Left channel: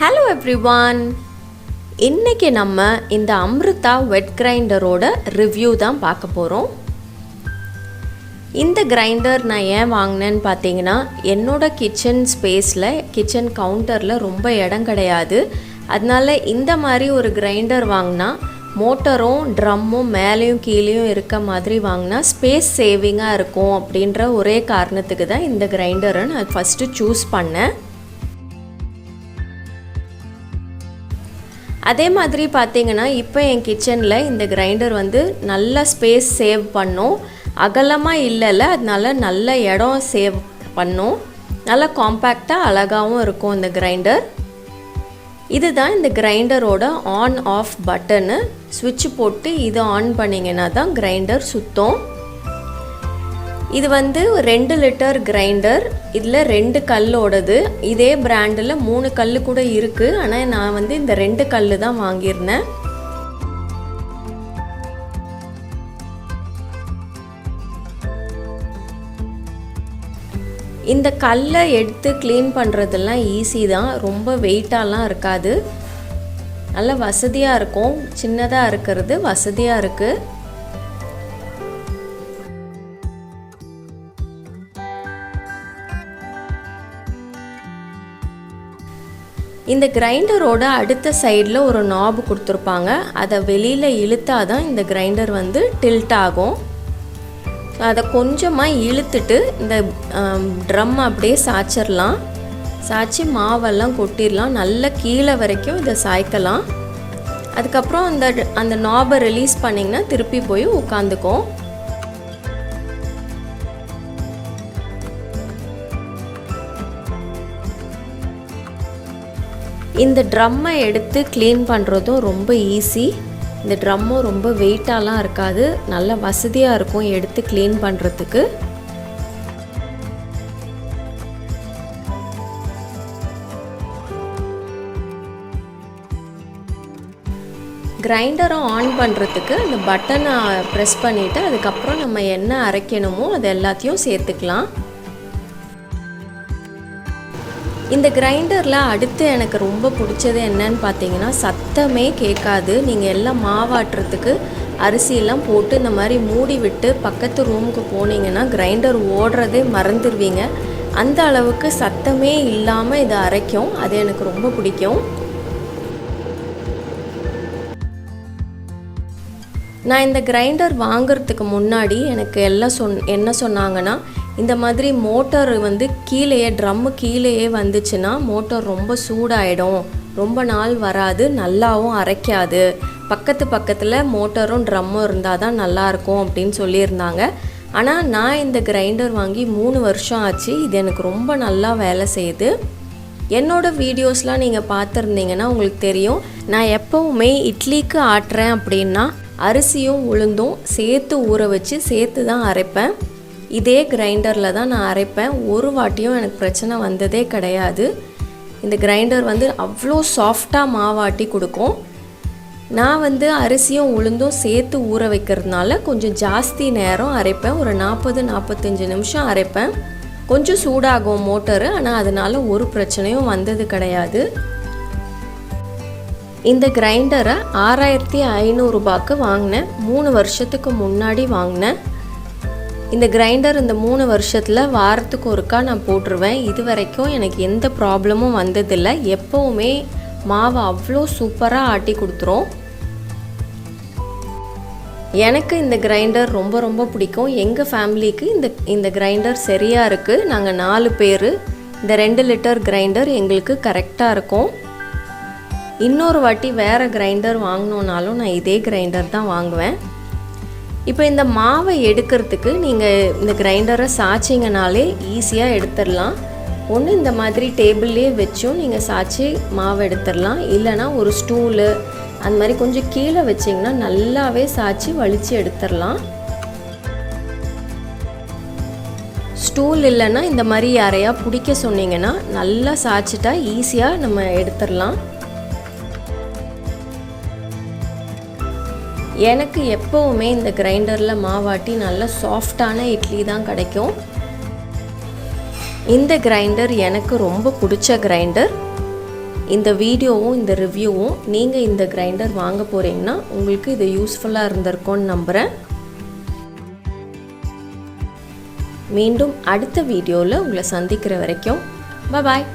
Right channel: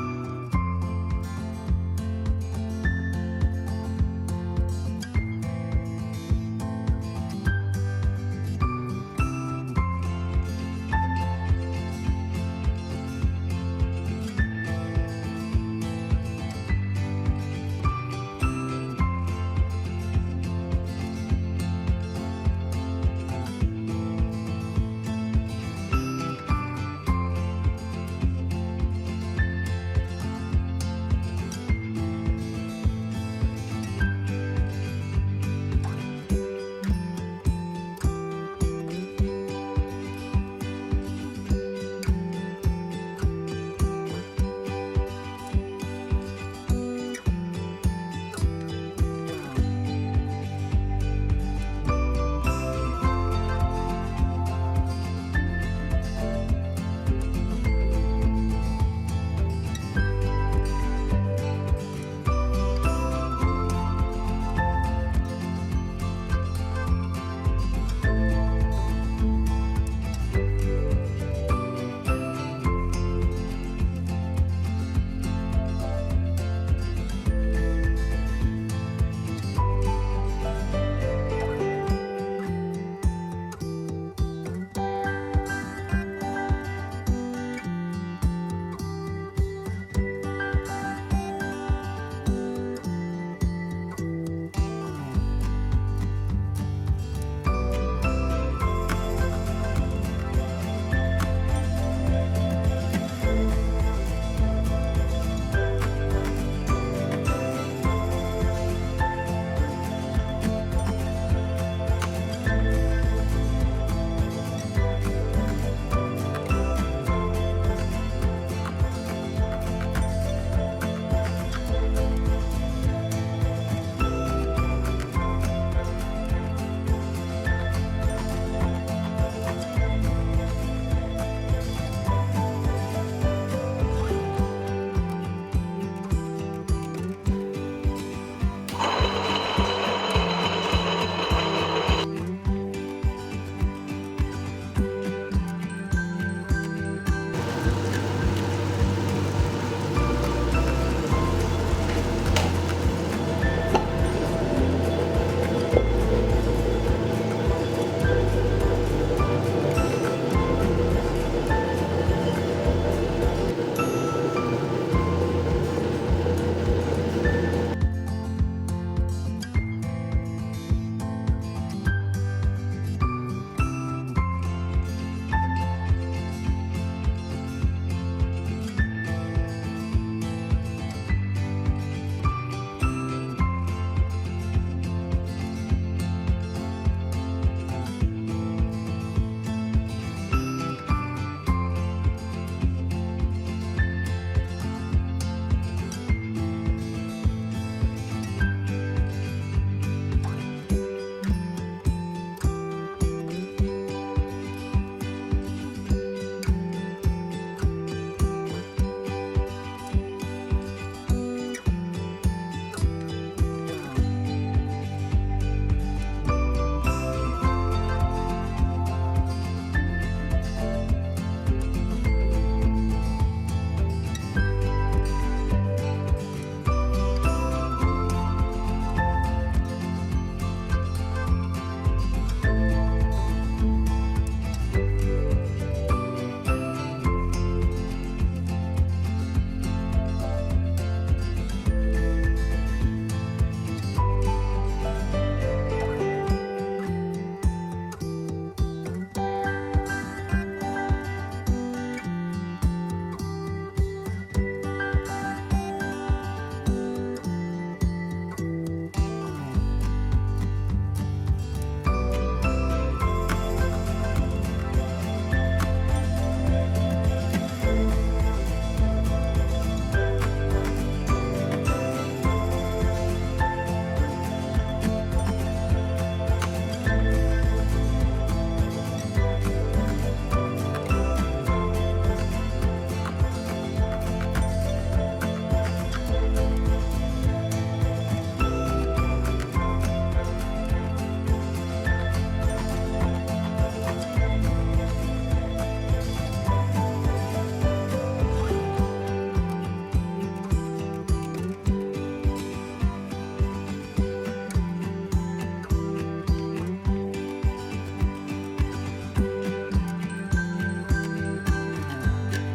Hello everyone. இன்னைக்கு நம்ம இந்த அம்ருதா வெட் கிரைண்டரோட ரிவ்யூ தான் பார்க்க போறோம். இந்த கிரைண்டர் நான் ஏன் வாங்கினேன்னு பார்த்தீங்கன்னா என்னோட கிச்சன் ஸ்பேஸில் கிச்சன் கவுண்டரில் ரொம்ப இடம் கிடையாது. அதனால இந்த மாதிரி ஒரு கிரைண்டர் வாங்கினா மோட்டரும் ட்ரம்மும் மேலேயும் கீழேயும் இருக்க மாதிரி வாங்கினா ஸ்பேஸ் சேவிங்காக இருக்கும் அப்படின்ற ஒரே காரணத்துக்கு தான் இந்த கிரைண்டரை நான் ஃபஸ்ட்டு சூஸ் பண்ணேன். அதே மாதிரி பார்த்தீங்கன்னா இப்போ என் கிச்சனில் இந்த கிரைண்டர் வந்து நல்ல ஸ்பேஸ் சேவ் பண்ணும். அகலமாக இல்லைல்ல, அதனால நல்ல இடம் சேவ் பண்ணும். நல்ல காம்பேக்டாக அழகாகவும் இருக்கும் இந்த கிரைண்டர். இதுதான் இந்த கிரைண்டரோட ஆன் ஆஃப் பட்டனு. ஸ்விட்ச் போட்டு இது ஆன் பண்ணிங்கன்னா தான் கிரைண்டர் சுத்தம். இது வந்து 2 லிட்டர் கிரைண்டர். இதில் 2 கல்லோடது. இதே பிராண்டில் 3 கல் கூட இருக்குது. ஆனால் நான் வந்து இந்த 2 கல் தான் வாங்கியிருந்தேன். இந்த கல்லை எடுத்து க்ளீன் பண்ணுறதெல்லாம் ஈஸி தான். ரொம்ப வெயிட்டாலாம் இருக்காது. நல்ல வசதியாக இருக்கும். சின்னதாக இருக்கிறது வசதியாக இருக்குது. இந்த கிரைண்டரோட அடுத்த சைடில் ஒரு நாப் கொடுத்துருப்பாங்க. அதை வெளியில் இழுத்தா தான் இந்த கிரைண்டர் வந்து டில்ட் ஆகும். அதை கொஞ்சமாக இழுத்துட்டு இந்த ட்ரம் அப்படியே சாய்ச்சிடலாம். சாய்ச்சி மாவெல்லாம் கொட்டிடலாம். நல்லா கீழே வரைக்கும் இதை சாய்க்கலாம். அதுக்கப்புறம் அந்த நாபை ரிலீஸ் பண்ணிங்கன்னா திருப்பி போய் உட்காந்துக்கும். இந்த ட்ரம்மை எடுத்து க்ளீன் பண்ணுறதும் ரொம்ப ஈஸி. இந்த ட்ரம்மும் ரொம்ப வெயிட்டாலாம் இருக்காது. நல்ல வசதியாக இருக்கும் எடுத்து க்ளீன் பண்ணுறதுக்கு. கிரைண்டரை ஆன் பண்ணுறதுக்கு அந்த பட்டனை ப்ரெஸ் பண்ணிவிட்டு அதுக்கப்புறம் நம்ம என்ன அரைக்கணுமோ அது எல்லாத்தையும் சேர்த்துக்கலாம். இந்த கிரைண்டரில் அடுத்து எனக்கு ரொம்ப பிடிச்சது என்னன்னு பார்த்தீங்கன்னா சத்தமே கேட்காது. நீங்கள் எல்லாம் மாவாட்டுறதுக்கு அரிசியெல்லாம் போட்டு இந்த மாதிரி மூடி விட்டு பக்கத்து ரூமுக்கு போனீங்கன்னா கிரைண்டர் ஓடுறதே மறந்துடுவீங்க. அந்த அளவுக்கு சத்தமே இல்லாமல் இதை அரைக்கும். அது எனக்கு ரொம்ப பிடிக்கும். நான் இந்த கிரைண்டர் வாங்கிறதுக்கு முன்னாடி எனக்கு எல்லாம் என்ன சொன்னாங்கன்னா, இந்த மாதிரி மோட்டார் வந்து கீழேயே ட்ரம்மு கீழேயே வந்துச்சுன்னா மோட்டார் ரொம்ப சூடாயிடும், ரொம்ப நாள் வராது, நல்லாவும் அரைக்காது. பக்கத்தில் மோட்டரும் ட்ரம்மும் இருந்தால் தான் நல்லாயிருக்கும் அப்படின்னு சொல்லியிருந்தாங்க. ஆனால் நான் இந்த கிரைண்டர் வாங்கி 3 வருஷம் ஆச்சு. இது எனக்கு ரொம்ப நல்லா வேலை செய்யுது. என்னோடய வீடியோஸ்லாம் நீங்கள் பார்த்துருந்தீங்கன்னா உங்களுக்கு தெரியும். நான் எப்போவுமே இட்லிக்கு ஆட்டுறேன் அப்படின்னா அரிசியும் உளுந்தும் சேர்த்து ஊற வச்சு சேர்த்து தான் அரைப்பேன். இதே கிரைண்டரில் தான் நான் அரைப்பேன். ஒரு வாட்டியும் எனக்கு பிரச்சனை வந்ததே கிடையாது. இந்த கிரைண்டர் வந்து அவ்வளோ சாஃப்டாக மாவாட்டி கொடுக்கும். நான் வந்து அரிசியும் உளுந்தும் சேர்த்து ஊற வைக்கிறதுனால கொஞ்சம் ஜாஸ்தி நேரம் அரைப்பேன். ஒரு 40-45 நிமிஷம் அரைப்பேன். கொஞ்சம் சூடாகும் மோட்டரு, ஆனால் அதனால் ஒரு பிரச்சனையும் வந்தது கிடையாது. இந்த கிரைண்டரை 6500 ரூபாய்க்கு வாங்கினேன். 3 வருஷத்துக்கு முன்னாடி வாங்கினேன். இந்த கிரைண்டர் இந்த 3 வருஷத்தில் வாரத்துக்கு ஒருக்கா நான் போட்டுருவேன். இது வரைக்கும் எனக்கு எந்த ப்ராப்ளமும் வந்ததில்லை. எப்போவுமே மாவை அவ்வளோ சூப்பராக ஆட்டி கொடுத்துரும். எனக்கு இந்த கிரைண்டர் ரொம்ப ரொம்ப பிடிக்கும். எங்கள் ஃபேமிலிக்கு இந்த கிரைண்டர் சரியாக இருக்குது. நாங்கள் 4 பேர். இந்த 2 லிட்டர் கிரைண்டர் எங்களுக்கு கரெக்டாக இருக்கும். இன்னொரு வாட்டி வேறு கிரைண்டர் வாங்கினோன்னாலும் நான் இதே கிரைண்டர் தான் வாங்குவேன். இப்போ இந்த மாவை எடுக்கிறதுக்கு நீங்கள் இந்த கிரைண்டரை சாய்ச்சிங்கனாலே ஈஸியாக எடுத்துடலாம். ஒன்று இந்த மாதிரி டேபிள்லேயே வச்சும் நீங்கள் சாய்ச்சி மாவை எடுத்துடலாம். இல்லைனா ஒரு ஸ்டூலு அந்த மாதிரி கொஞ்சம் கீழே வச்சிங்கன்னா நல்லாவே சாய்ச்சி வலித்து எடுத்துடலாம். ஸ்டூல் இல்லைன்னா இந்த மாதிரி யாரையா பிடிக்க சொன்னீங்கன்னா நல்லா சாய்ச்சிட்டா ஈஸியாக நம்ம எடுத்துடலாம். எனக்கு எப்போவுமே இந்த கிரைண்டரில் மாவாட்டி நல்ல சாஃப்டான இட்லி தான் கிடைக்கும். இந்த கிரைண்டர் எனக்கு ரொம்ப பிடிச்ச கிரைண்டர். இந்த வீடியோவும் இந்த ரிவ்யூவும் நீங்கள் இந்த கிரைண்டர் வாங்க போகிறீங்கன்னா உங்களுக்கு இது யூஸ்ஃபுல்லாக இருந்திருக்கும்னு நம்புகிறேன். மீண்டும் அடுத்த வீடியோவில் உங்களை சந்திக்கிற வரைக்கும் பாய்.